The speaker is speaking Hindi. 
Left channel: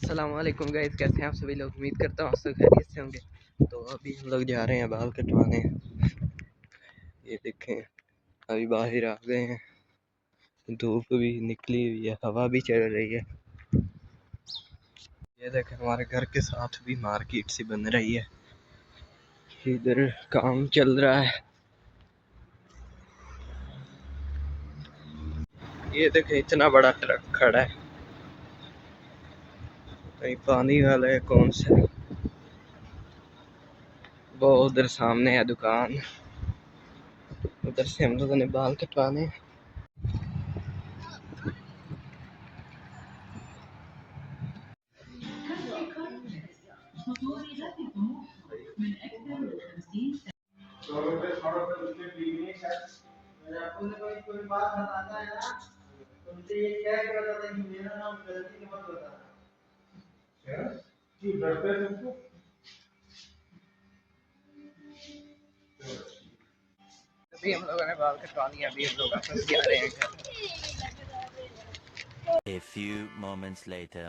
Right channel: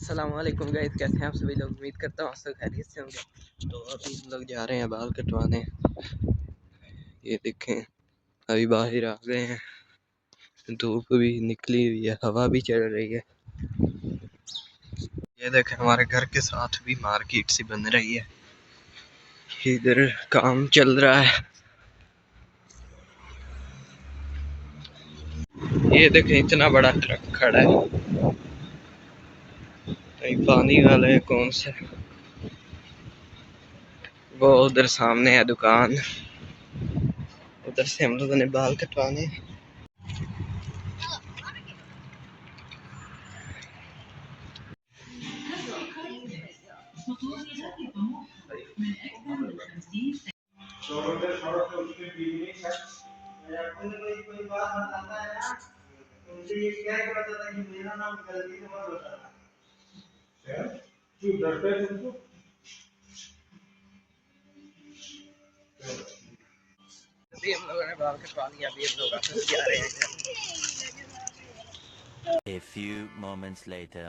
अस्सलाम वालेकुम गाइस, कैसे हैं आप सभी लोग। उम्मीद करता हूँ आप सब खैरियत से होंगे। तो अभी हम लोग जा रहे हैं बाल कटवाने। ये देखें, अभी बाहर आ गए हैं, धूप भी निकली हुई है, हवा भी चल रही है। ये देखें, हमारे घर के साथ भी मार्केट सी बन रही है, इधर काम चल रहा है। ये देखें, इतना बड़ा ट्रक खड़ा है, कहीं पानी वाले हैं कौन से। वो उधर सामने है दुकान, उधर से हम लोगों ने बाल कटवाने। कोई बात बताता है ना, तुमसे ये क्या बताता कि मेरा नाम गलती से मत बताना। क्यों डरते हैं तुमको? अभी हम लोगों ने बाल कटवा लिया, अभी हम लोग वापस जा रहे हैं घर। A few moments later.